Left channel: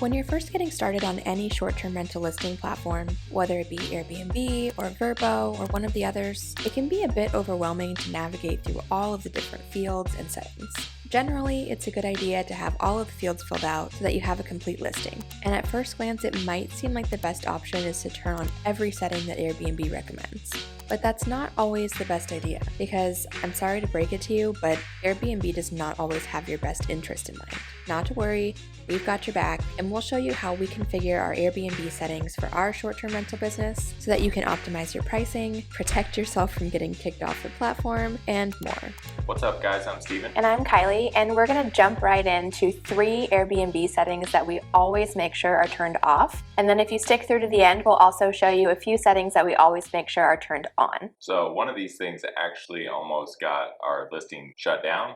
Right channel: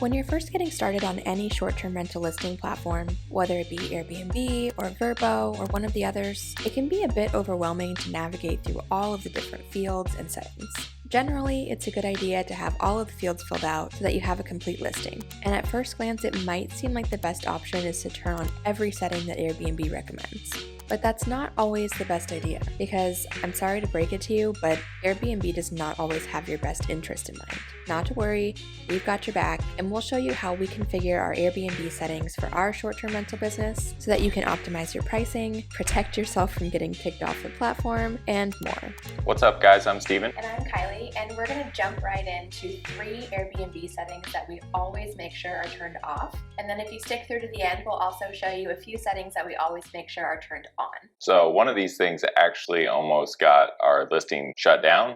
When you're first getting started on any short-term rental listing platform, whether it be Airbnb or Vrbo or one of the others, it can be a bit overwhelming to navigate through all of the different fields and settings. Generally, it's a good idea to have all of the fields filled out so that you have a complete listing. And at first glance, it might seem like the best option is to turn on every setting that Airbnb recommends. But that's not always the best idea, because I'm sorry to break it to you, but Airbnb does not always have your best interest in mind. Not to worry, we've got your back, and we'll show you how we configure our Airbnb settings for our short-term rental business so that you can optimize your pricing, protect yourself from getting kicked off the platform, and more. What's up, guys? I'm Steven. And I'm Kylie, and we're going to jump right into 3 Airbnb settings that we always make sure are turned off. And then if you stick through to the end, we'll also show you a few settings that we always make sure are turned on. So one of these things actually almost got our listing shut down.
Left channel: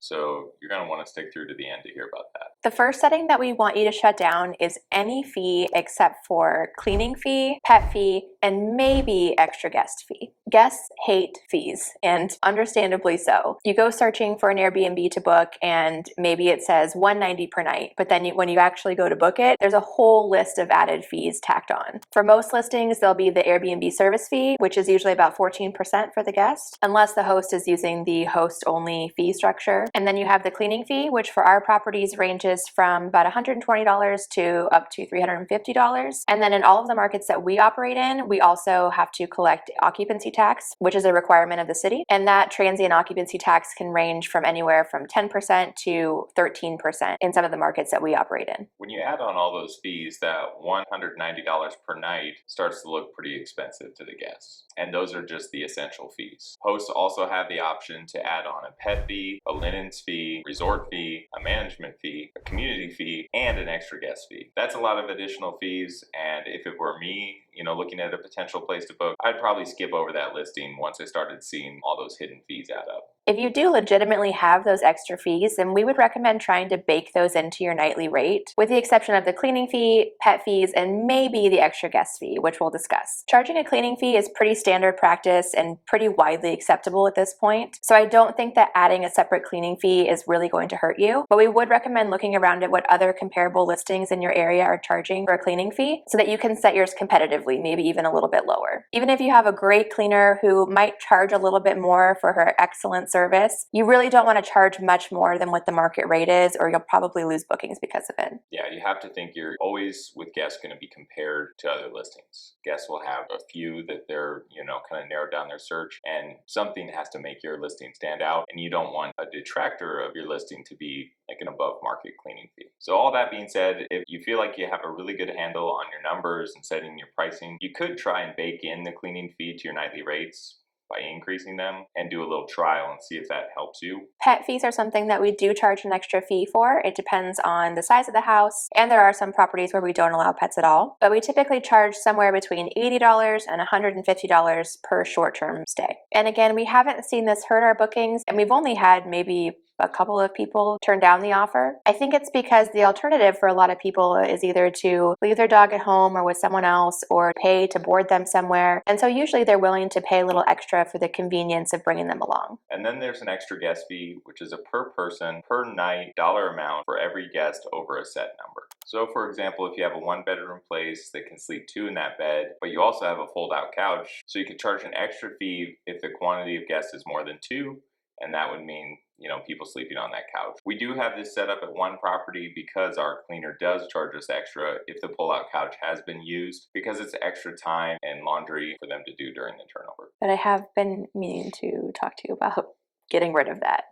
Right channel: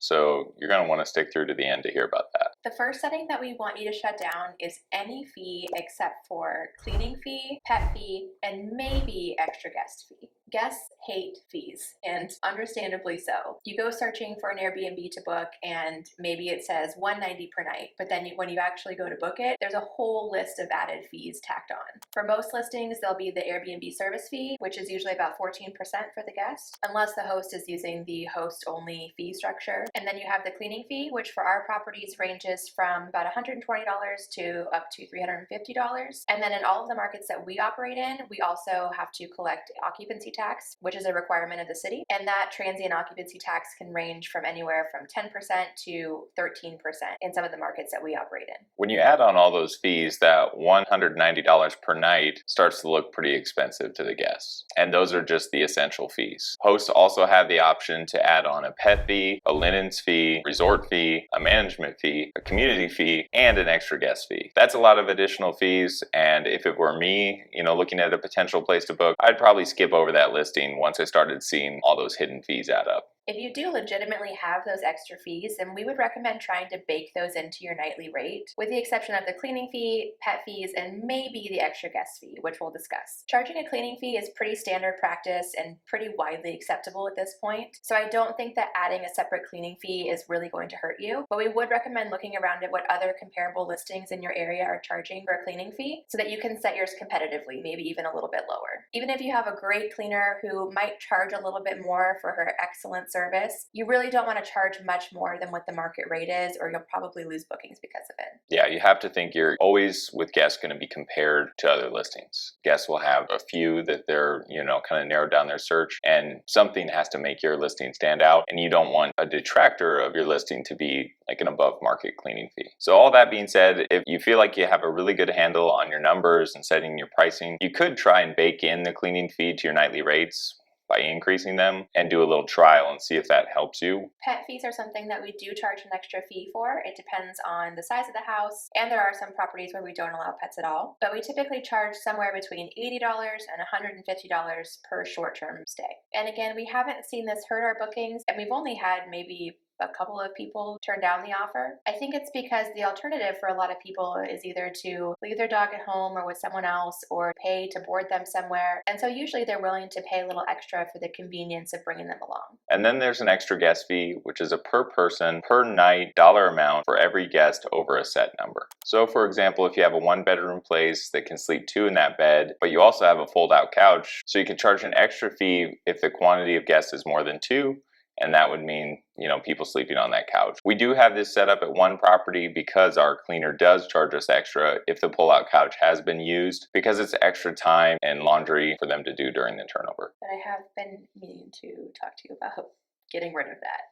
So you're going to want to stick through to the end to hear about that. The first setting that we want you to shut down is any fee except for cleaning fee, pet fee, and maybe extra guest fee. Guests hate fees, and understandably so. You go searching for an Airbnb to book and maybe it says $190 per night, but then when you actually go to book it, there's a whole list of added fees tacked on. For most listings, there'll be the Airbnb service fee, which is usually about 14% for the guest, unless the host is using the host-only fee structure. And then you have the cleaning fee, which for our properties ranges from about $120 to up to $350. And then in all of the markets that we operate in, we also have to collect occupancy tax, which is a requirement of the city. And that transient occupancy tax can range from anywhere from 10% to 13% in some of the markets that we operate in. When you add on all those fees, that $190 per night starts to look pretty expensive to the guests. And those are just the essential fees. Hosts also have the option to add on a pet fee, a linen fee, resort fee, a management fee, a community fee, and an extra guest fee. That's a lot of additional fees, and if it were me, looking at a potential place to book, I'd probably skip over that listing once I started seeing all those hidden fees add up. If you do legitimately have those extra fees, then we would recommend trying to bake those into your nightly rate, with the exception of the cleaning fee, pet fees, and maybe the extra guest fee, which we'll discuss. Charging a cleaning fee is pretty standard practice and pretty widely acceptable at this point, so I don't think that adding a separate cleaning fee is really going to hurt you, but we would recommend looking around at what other comparable listings in your area are charging for a cleaning fee so that you can set yours competitively, maybe even a little bit lower. Even if you have a great cleaner who might charge a little bit more for her excellent service, you really don't want to charge much more than what the market rate is, or you'll probably lose bookings because of it. Yeah, you have to think you're always with guests going to be compared to other listings. Guests will have a few that they're, kind of narrowed down their search, and something has to make your listing stand out, and you don't want a detractor of your listing to be like an above market cleaning fee. So all that being said, if you feel like you have a really good handle on your numbers and setting your pricing, you could try and bake in the cleaning fee to your nightly rates by increasing them and do a little trial and see if that helps you. Pet fees are something that we do charge an extra fee for. It depends on the size of the house, and there are some properties where we don't allow pets at all, but we typically charge somewhere between $80 and $150 per short-term stay. And again, we haven't seen this hurt our bookings, and we've only had maybe a couple of people turn down the offer. I think it's because the alternative for a lot of people is either to leave their dog at home or with someone else, or pay to board them somewhere. And so usually they're willing to pay a little extra for the convenience of bringing them along. And then there's an extra guest fee, which is a per person, per night dollar amount for every guest over a set number. So for example, if you have a 1-bedroom place that can sleep 2 in that bed, but you also have a fold-out couch, so you can charge an extra fee if the quantity of guests is more than 2, and that would mean, people sleeping on that couch. We do have this set up at one property because our cleaner does charge us extra if the pull-out couch has been used, because it's extra time and laundry for them to do during the turnover. But I have been meaning to talk to you about getting rid of that.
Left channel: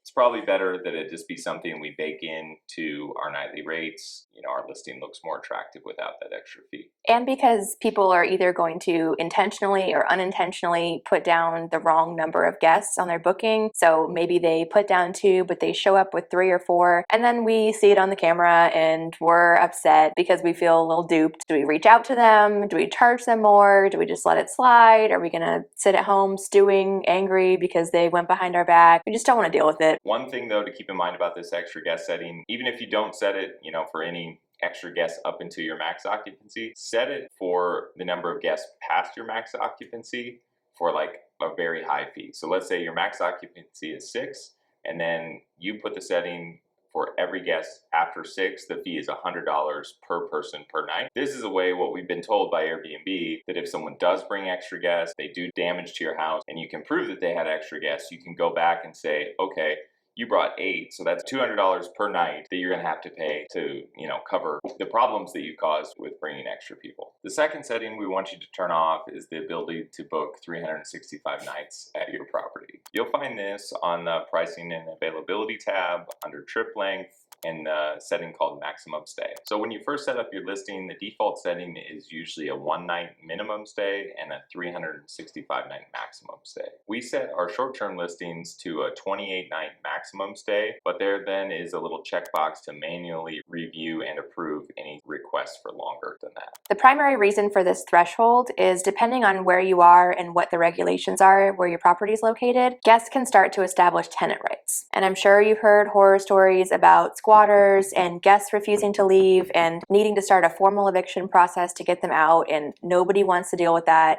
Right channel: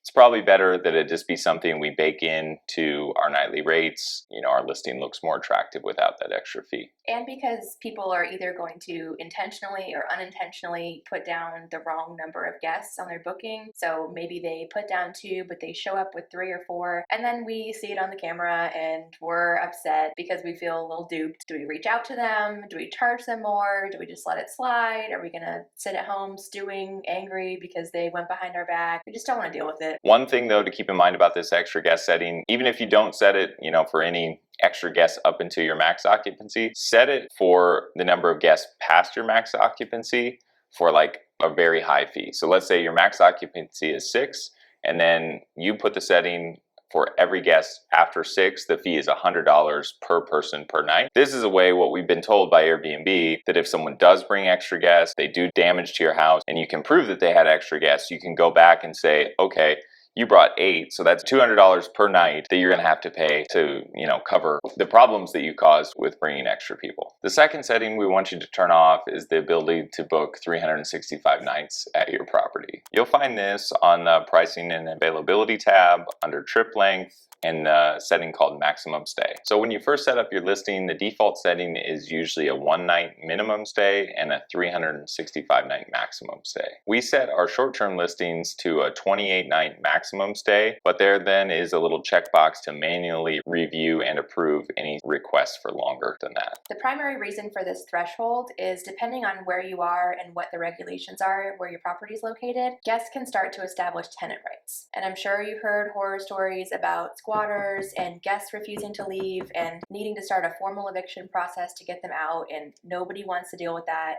It's probably better that it just be something we bake into our nightly rates. Our listing looks more attractive without that extra fee. And because people are either going to intentionally or unintentionally put down the wrong number of guests on their booking. So maybe they put down 2, but they show up with 3 or 4. And then we see it on the camera and we're upset because we feel a little duped. Do we reach out to them? Do we charge them more? Do we just let it slide? Are we going to sit at home stewing, angry because they went behind our back? We just don't want to deal with it. One thing though to keep in mind about this extra guest setting, even if you don't set it, for any extra guests up into your max occupancy, set it for the number of guests past your max occupancy for like a very high fee. So let's say your max occupancy is 6, and then you put the setting For every guest after 6, the fee is $100 per person per night. This is a way, what we've been told by Airbnb, that if someone does bring extra guests, they do damage to your house, and you can prove that they had extra guests, you can go back and say, okay, you brought 8, so that's $200 per night that you're going to have to pay to, cover the problems that you caused with bringing extra people. The second setting we want you to turn off is the ability to book 365 nights at your property. You'll find this on the pricing and availability tab under trip length in the setting called maximum stay. So when you first set up your listing, the default setting is usually a 1-night minimum stay and a 365-night maximum stay. We set our short-term listings to a 28-night maximum stay, but there then is a little checkbox to manually review and approve any requests for longer than that. The primary reason for this threshold is depending on where you are and what the regulations are where your property is located, guests can start to establish tenant rights. And I'm sure you've heard horror stories about squatters and guests refusing to leave and needing to start a formal eviction process to get them out, and nobody wants to deal with that.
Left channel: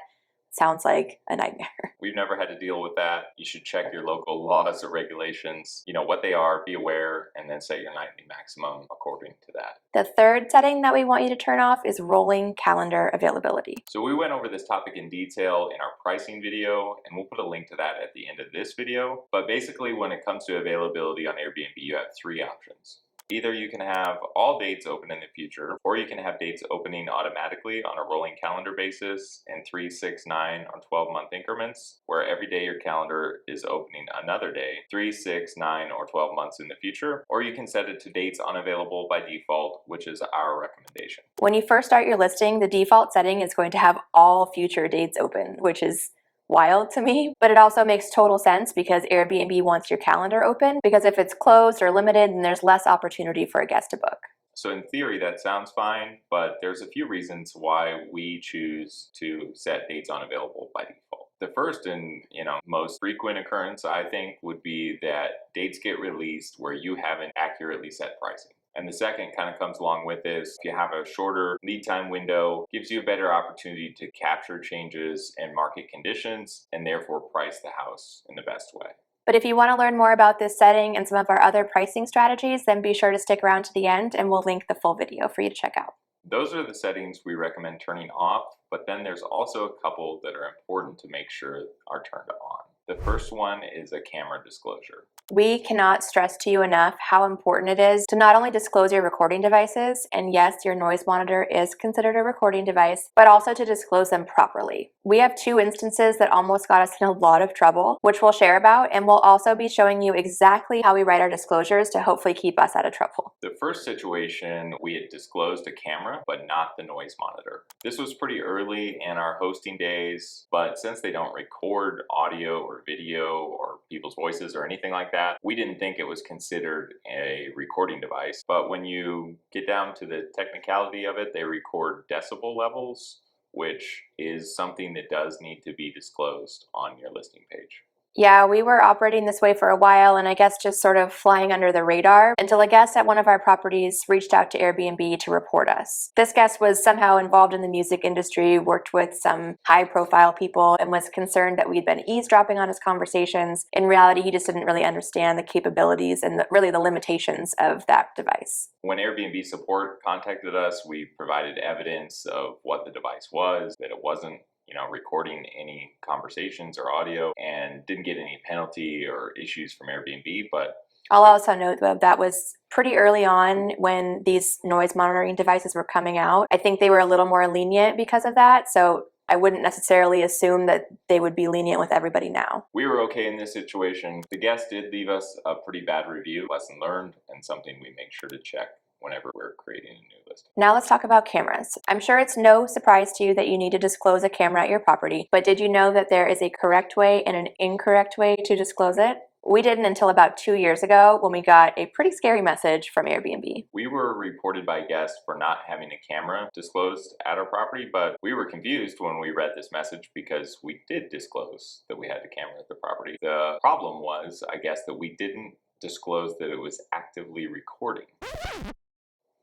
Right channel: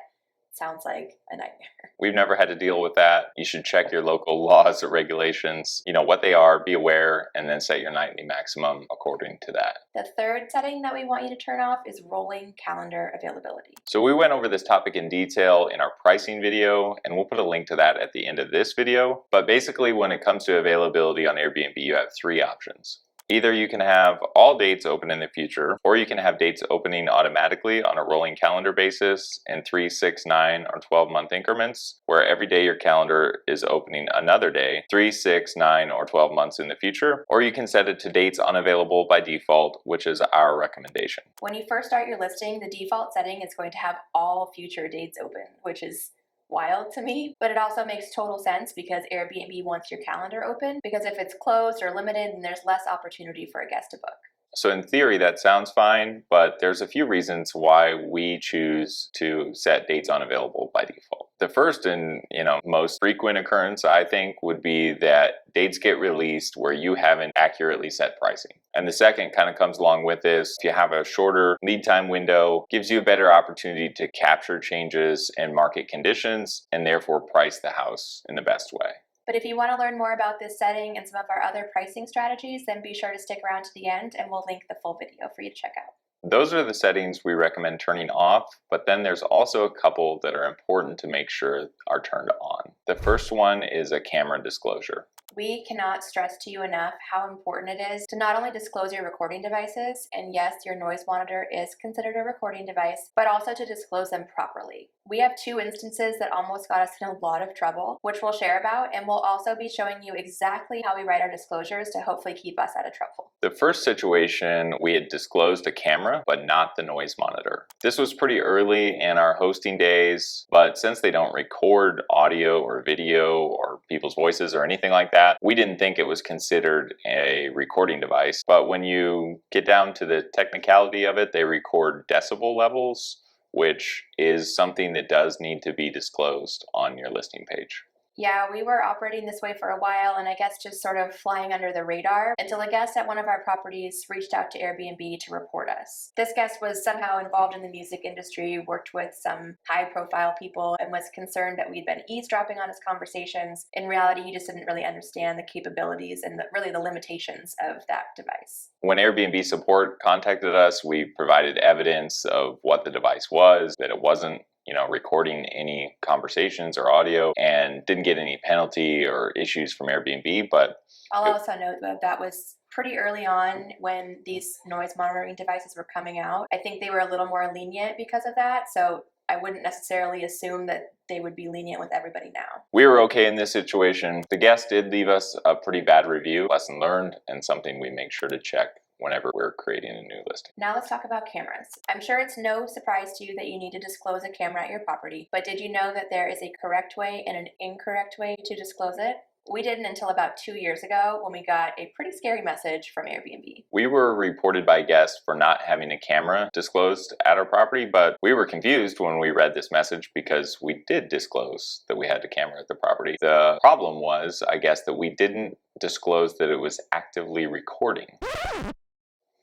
Sounds like a nightmare. We've never had to deal with that. You should check your local laws or regulations, what they are, be aware, and then set your nightly maximum according to that. The third setting that we want you to turn off is rolling calendar availability. So we went over this topic in detail in our pricing video, and we'll put a link to that at the end of this video. But basically, when it comes to availability on Airbnb, you have 3 options. Either you can have all dates open in the future, or you can have dates opening automatically on a rolling calendar basis in 3, 6, 9, or 12-month increments, where every day your calendar is opening another day, 3, 6, 9, or 12 months in the future. Or you can set it to dates unavailable by default, which is our recommendation. When you first start your listing, the default setting is going to have all future dates open, which is wild to me, but it also makes total sense because Airbnb wants your calendar open, because if it's closed or limited, then there's less opportunity for a guest to book. So in theory, that sounds fine, but there's a few reasons why we choose to set dates unavailable by default. The first and most frequent occurrence, I think, would be that dates get released where you haven't accurately set pricing. And the second kind of comes along with this. If you have a shorter lead time window, gives you a better opportunity to capture changes in market conditions and therefore price the house in the best way. But if you want to learn more about this setting and some of our other pricing strategies, then be sure to stick around to the end and we'll link the full video for you to check out. Those are the settings we recommend turning off, but then there's also a couple that are important to make sure are turned on. The first one is a camera disclosure. We cannot stress to you enough how important it is to not only disclose your recording devices, and yes, your noise monitor is considered a recording device, but also to disclose them properly. We have 2 instances that almost got us in a lot of trouble, which we'll share about, and we'll also be showing you exactly how we write our disclosures to hopefully keep us out of trouble. The first situation, we had disclosed a camera, but not the noise monitor. This was pretty early in our hosting days, but since they don't record audio or video or people's voices or anything like that, we didn't think it was considered a recording device. But when you get down to the technicality of it, they record decibel levels, which is something that does need to be disclosed on your listing page. Yeah, we were operating this way for a while, and I guess just sort of flying under the radar until a guest at one of our properties reached out to Airbnb to report us. This guest was somehow involved in the music industry, worked with some high-profile people, and was concerned that we'd been eavesdropping on his conversations. In reality, he just didn't really understand the capabilities and really the limitations of that device. When Airbnb support contacted us, we provided evidence of what the device was, that it wasn't recording any conversations or audio, and didn't get any penalty or issues from Airbnb. But I'll also note that was pretty early on when these noise monitoring devices were coming out. I think they were a little more lenient because of that, so I wouldn't necessarily assume that they would be lenient with everybody now. We were okay in this situation. The guest did leave us a pretty bad review, lesson learned, and something we make sure to check whenever we're creating a new listing. Now let's talk about cameras. I'm sure it's no surprise to you that you need to disclose a camera at your property, but did you know that there is a correct way and an incorrect way to disclose it? We didn't until about 2 years ago when we got a pretty scary message from Airbnb. We were reported by guests for not having a camera disclosed at our property, but we were confused when we read this message because we did disclose that we had a camera at the property. The problem was, I guess, that we didn't disclose that it was actively recording.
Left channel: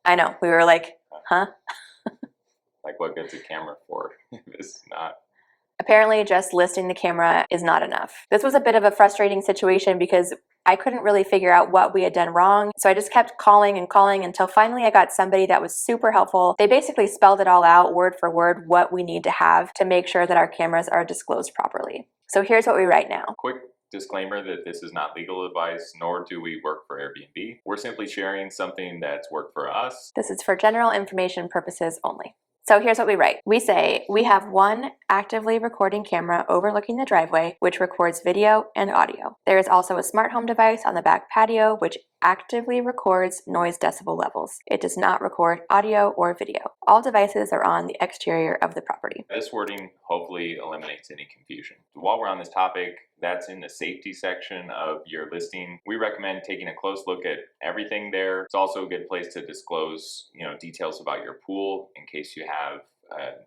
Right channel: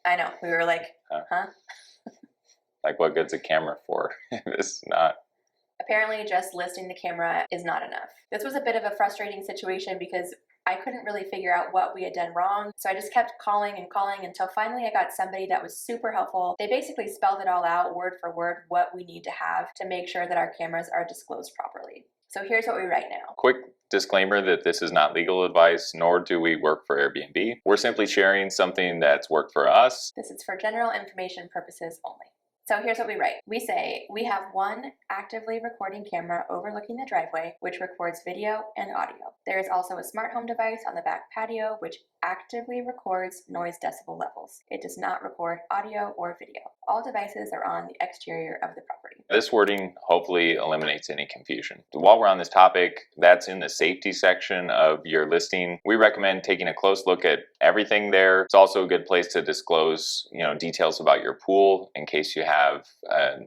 I know, we were like, huh? Like, what good's a camera for if it's not? Apparently just listing the camera is not enough. This was a bit of a frustrating situation because I couldn't really figure out what we had done wrong. So I just kept calling and calling until finally I got somebody that was super helpful. They basically spelled it all out word for word what we need to have to make sure that our cameras are disclosed properly. So here's what we write now. Quick disclaimer that this is not legal advice, nor do we work for Airbnb. We're simply sharing something that's worked for us. This is for general information purposes only. So here's what we write. We say, we have one actively recording camera overlooking the driveway, which records video and audio. There is also a smart home device on the back patio, which actively records noise decibel levels. It does not record audio or video. All devices are on the exterior of the property. This wording hopefully eliminates any confusion. While we're on this topic, that's in the safety section of your listing. We recommend taking a close look at everything there. It's also a good place to disclose, details about your pool in case you have, an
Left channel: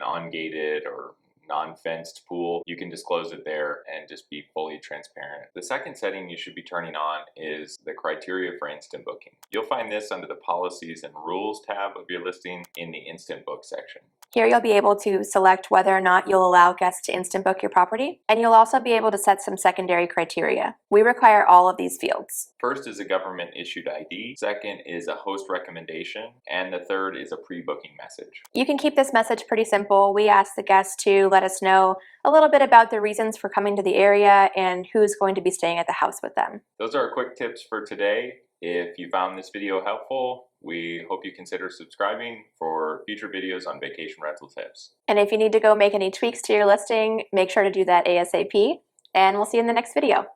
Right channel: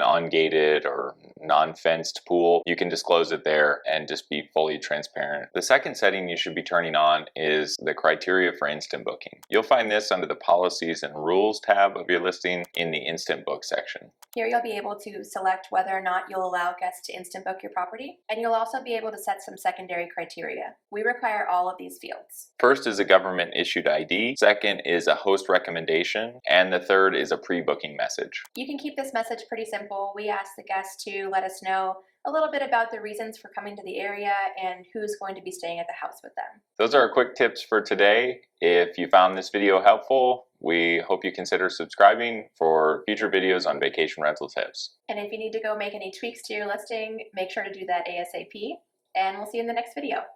ungated or non-fenced pool. You can disclose it there and just be fully transparent. The second setting you should be turning on is the criteria for instant booking. You'll find this under the policies and rules tab of your listing in the instant book section. Here you'll be able to select whether or not you'll allow guests to instant book your property, and you'll also be able to set some secondary criteria. We require all of these fields. First is a government issued ID, second is a host recommendation, and the third is a pre-booking message. You can keep this message pretty simple. We ask the guests to let us know a little bit about the reasons for coming to the area and who's going to be staying at the house with them. Those are our quick tips for today. If you found this video helpful, we hope you consider subscribing for future videos on vacation rental tips. And if you need to go make any tweaks to your listing, make sure to do that ASAP, and we'll see you in the next video.